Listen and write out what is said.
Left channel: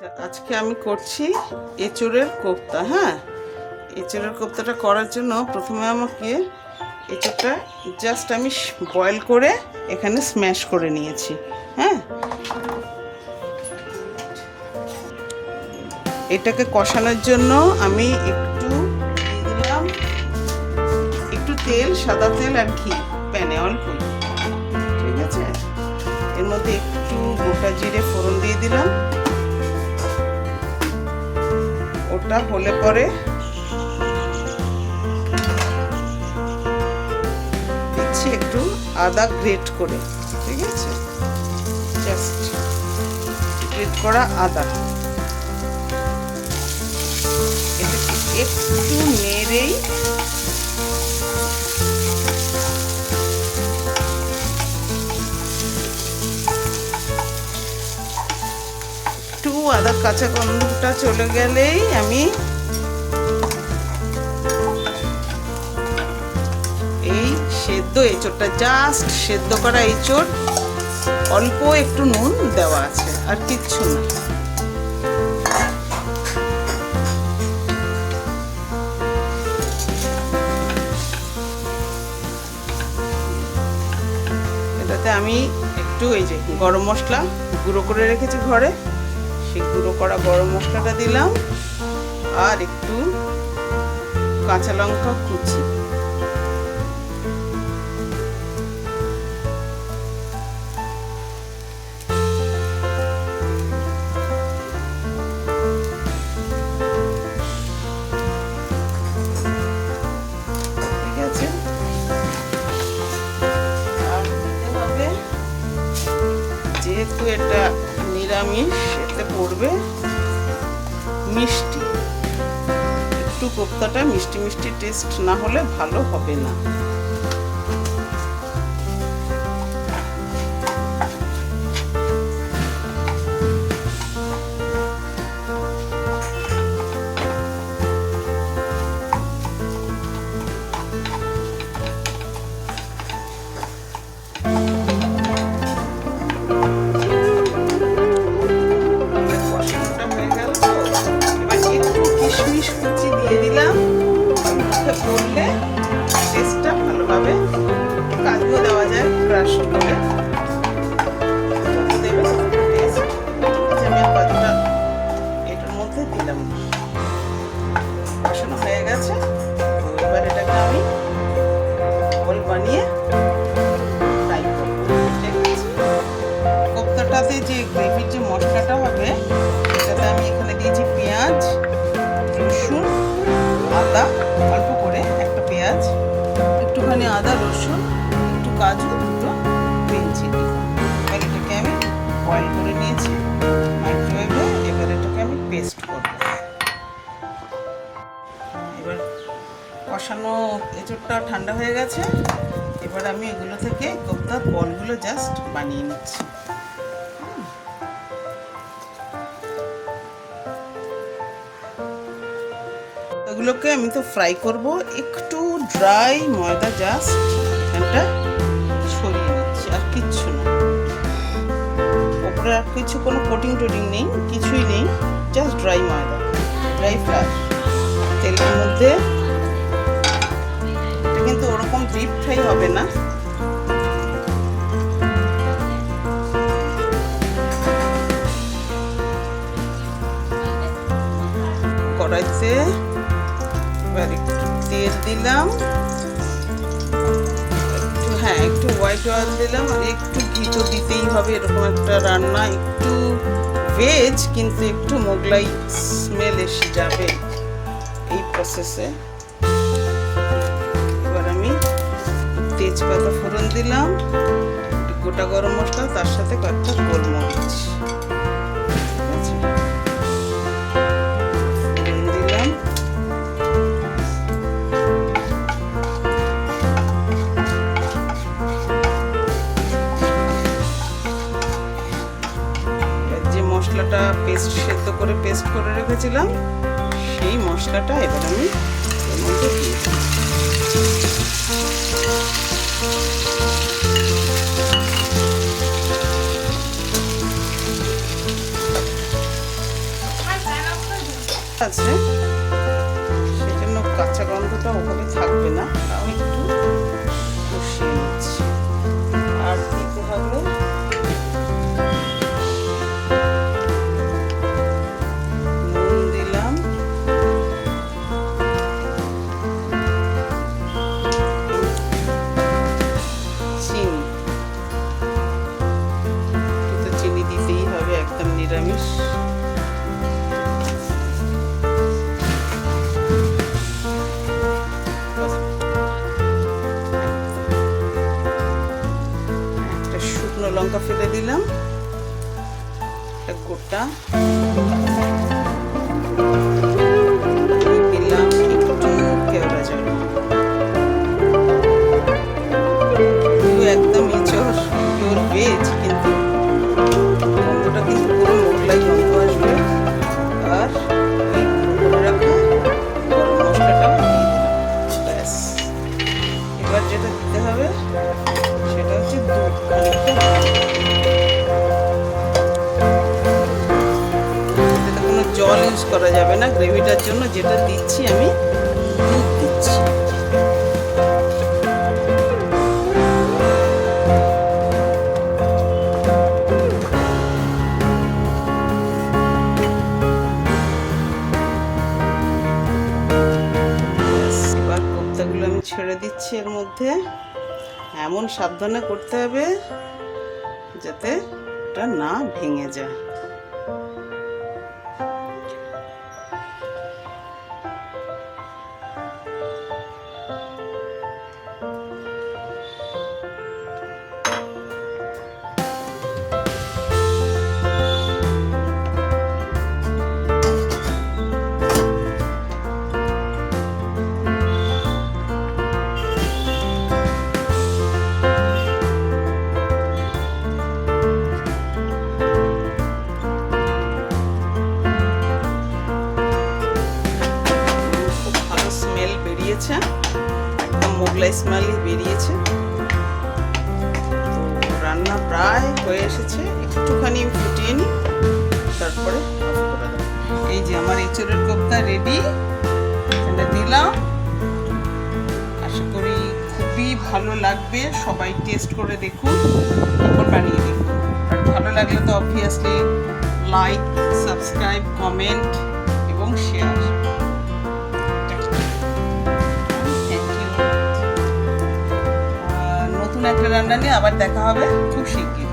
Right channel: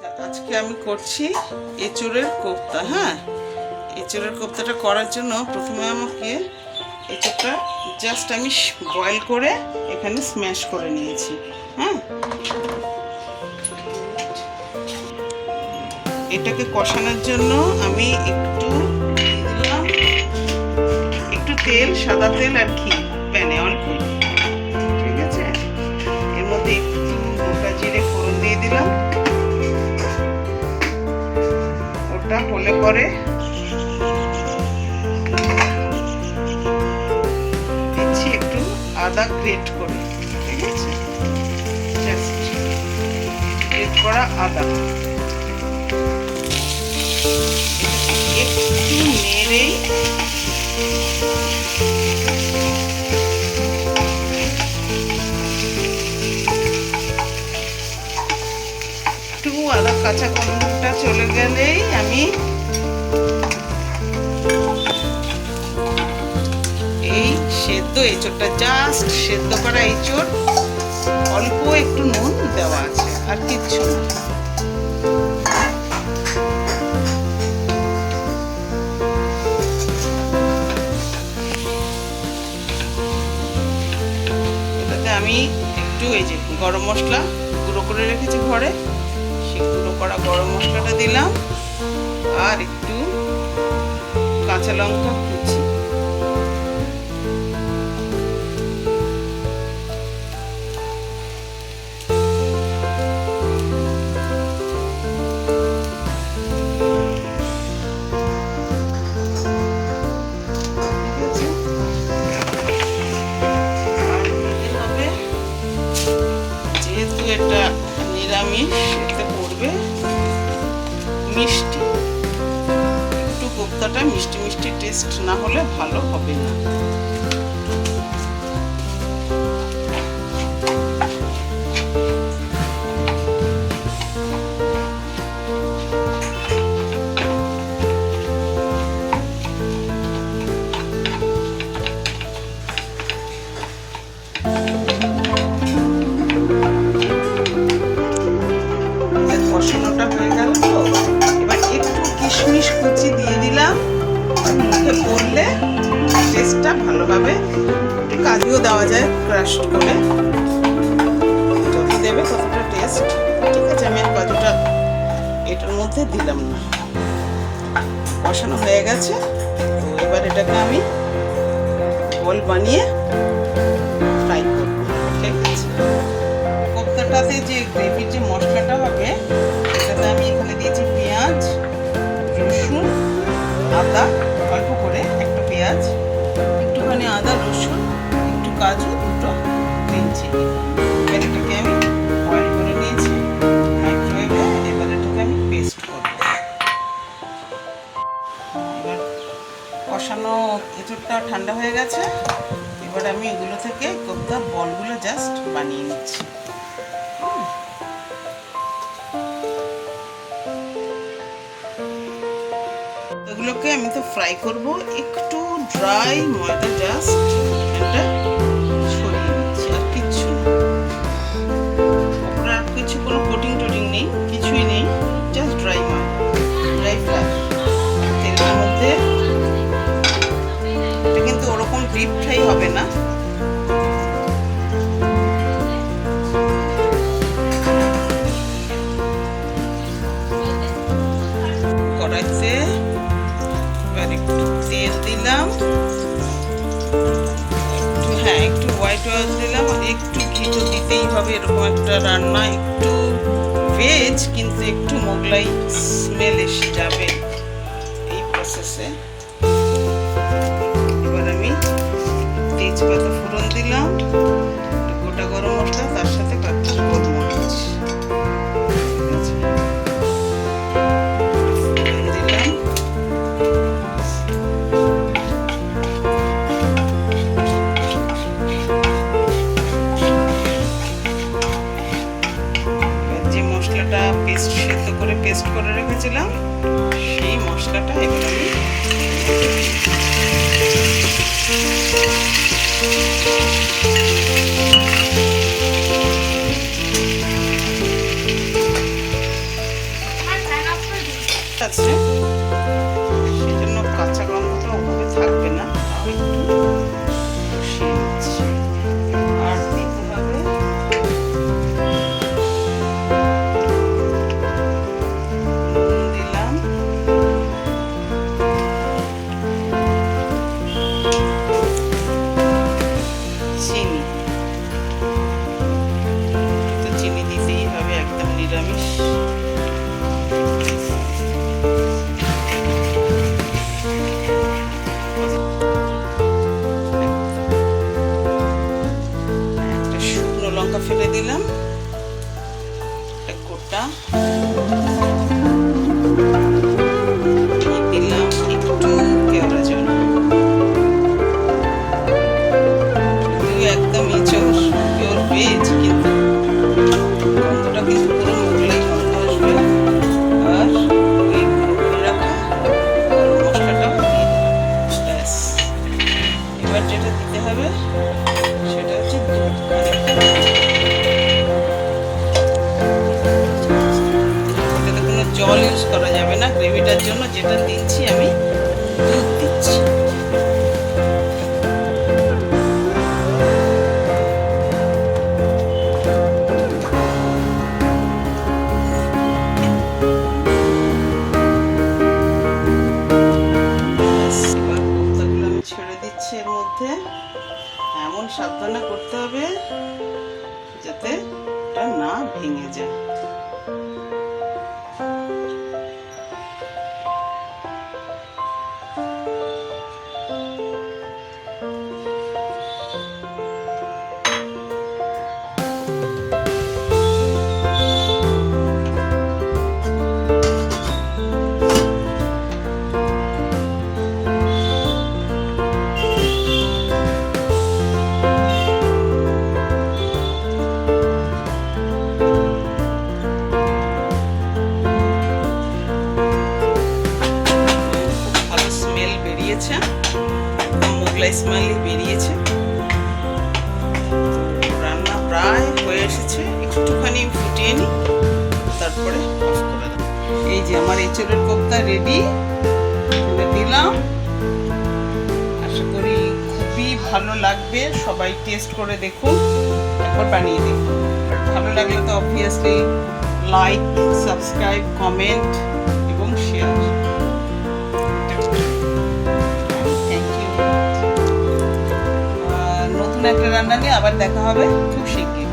আচ্ছা, আজকে আমি করছি এঁচুড়ের কোপ্তা হ্যাঁ? এঁচুড়ের কোপ্তাটা করার জন্য প্রথমে আমাকে এঁচুড়টা জাস্ট আমি বয়েল করে এখানে স্ম্যাশ করে নিয়েছি হ্যাঁ? এটাকে কষানোর জন্য আমি একটু দিলাম একটু তেল সাদা তেল আর ঘি প্যানে অল্প ঠিক আছে? এর মধ্যে একটু গোটা জিরে ফোড়ন দিয়ে দিলাম। ওটা হলে পরে দিচ্ছি একটু আদা গ্রেট করে, ঠিক আছে? জাস্ট গ্রেট করা আদা। একটু নেড়েই একটু আদা কাঁচা গন্ধটা চলে গেলেই আমি এই সেদ্ধ এঁচোড়টা জাস্ট সেদ্ধ করা এঁচোড়, অল্প একটু নুন দেওয়া আছে, আর কিচ্ছু না। এটাতে আমি একটু এই যে গরম মশলা গুঁড়ো করে রেখেছি ঘরে। সেই গুঁড়ো করা গরম মশলাটা দিলাম আর একটু কাঁচা লঙ্কা কুচি। যেহেতু এটা নিরামিষ এতে পড়বে মিষ্টি। একটু কোপ্তাটা মিষ্টি মিষ্টি টেস্ট না হলে ভালো হবে না। কাজুও দেওয়া যায় ক্রাশ করে। যত দেবে ততটা টেস্ট ঠিক আছে, আমি আর কতটা এটার মধ্যে দিলাম না। কষানো হয়ে গেছে। তো এবার এটাকে আমি বল বানিয়ে ফ্রাই করব। ঠিক আছে? কোপ্তাটাতে যে গ্রেভির যে মশলাটা হবে, সেটাতে আমি এখানে দিয়েছি পেঁয়াজ, রসুন, আদা। অল্প করে একটা পেঁয়াজ, একটুখানি আদা, রসুন কাজু দুটো গ্রিন চিলি এটাকে আমি বয়েল করে নিয়েছি মাইক্রোওয়েভে এবার এটাকে আমি পেস্ট করব। এবার কষানো এঁচড়টা ঠান্ডা হয়ে গেছে, এবার আমি এগুলো থেকে কোপ্তার বলগুলো জাস্ট বানিয়ে নিচ্ছি। এগুলোকে আমি তো ফ্রাই করব, একটু ড্রাই ময়দা জাস্ট এখানটা আর কিছু কোনো কোটিং টোটিং নেই, কিছুই নেই জাস্ট ড্রাই ময়দা ড্রাই ফ্লার তেলের মধ্যে এটা কিন্তু ওরকম ডিপ ফ্রাই হবে না। কড়াইতে এবার দিলাম। একটু হ্যাঁ হোয়াইট অয়েল দিলাম, আর একটু ঘি তো দিতেই হবে, এরকম একটা রান্না, একটু ভেজ কিন্তু একটু মোগলাই স্মেল এসে যাবে এই প্রসেসে এবার আমি তেজপাতা ফোড়ন দিলাম গোটা গরম মশলা, তার সাথে কয়েকটা গোলমরিচ। মশলাটা পেস্ট সেদ্ধ করে পেস্ট করে রেখেছিলাম। সেই মশলাটা এবার আমি মধ্যে দিয়ে। আছে সেজন্য কাঁচা গন্ধটা ওভাবে থাকবে না। তাও একটু কষিয়ে নিচ্ছি। আর চিনি দিতেই হবে, একদম নিরামিষ। একটা শুকনো লঙ্কা ফেলে দিলাম গোটা। দিলাম একদম ভেজ কিন্তু আর ওই গুঁড়ো করে এবার যেটা দিতে হবে সেটা হচ্ছে দুধ। এটাতে কোনো জল ইউজ করা যাবে না। গ্রেভিটার জন্য যেটা দিচ্ছি আমি এমন সাবধানে করতে হবে যাতে এটা না ভেঙে যায়। বেরিয়েছে মোগলাই স্মেলই বেরিয়েছে। তো রান্না প্রায় হয়ে এসেছে। একটুখানি ফুটিয়ে নিই, তারপরে অফ করে দেবো। এই যে আমার এঁচড়ের কোপ্তা রেডি এখানে দিলাম। আশা করি খুবই ভালো লাগবে। সবাই টেস্ট করে দেখুন, তারপর বানিয়ে দেখুন আর ভালো লাগলে তো অবভিয়াসলি লাইক সাবস্ক্রাইব কমেন্ট এবং শেয়ার নতুন একটা রান্না নিয়ে আবার দেখা হবে খুব শিগগির